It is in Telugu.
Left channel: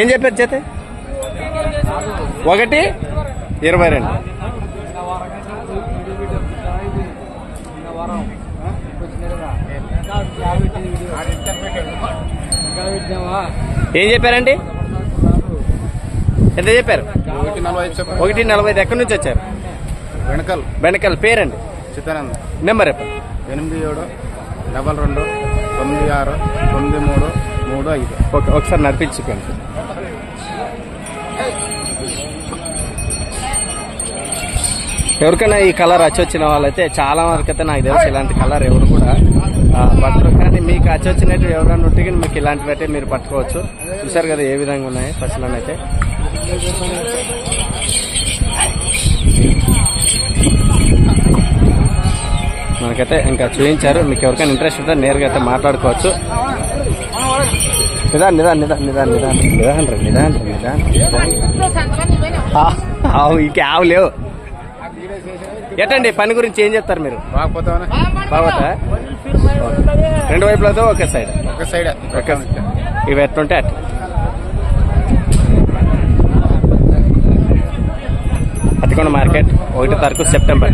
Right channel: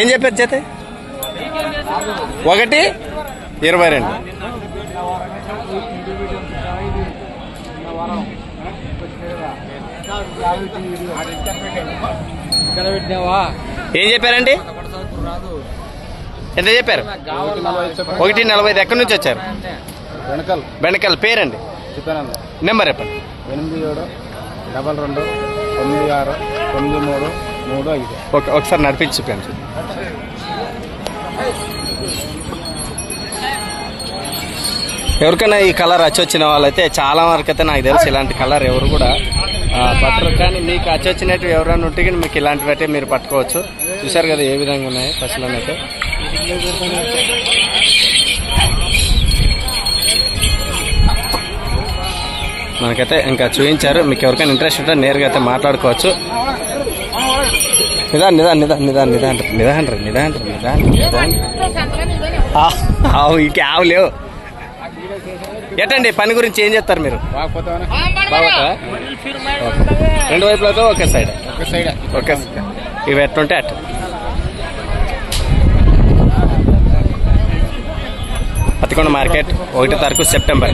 ఏం చెప్పారు జత? 1:22. ఏం చెప్పారండి? ఎంత చెప్పారు? 1:45. ఎక్కడి నుంచి వచ్చారు? బెండకల్. పేరండి? చిత్తానంద. నెంబర్ చెప్పండి. 8722969335. ఓకే, ఒకసారి నడిపించి చూపాను. ఎవరికైనా ఈ కలర్ వచ్చిన వాళ్ళైతే చాలా వరకు అయితే నాకు తెలుసు ఇలాంటి కలర్ ఎవరు కూడా పట్టరు. కానీ మీకు వచ్చినట్టు ఎవరైనా ఉంటే కానీ మీకు ఇలాంటివి అయితే మీరు పట్టుకోవచ్చు. చూసారు కదా ఏ విధంగా ఉన్నాయి పశువులనైతే. మనకైతే ఇంకా చూపించారు. మీకు ఎవరికైనా ఇంట్రెస్ట్ ఉంటే నేరుగా అయితే మాట్లాడుకోవచ్చు. నిదాన్ ఇంకే ఆవు లేవు. ఎట్టండి పని గురించి ఏం చెప్తారు మీరు? బాగుతా రెండు వైపులతో ఒకే సైడ్. ఓకే, ఇవి ఎట్లుంటే అట్. పత్తికొండ మార్కెట్ 1 తారీఖు సెప్టెంబర్.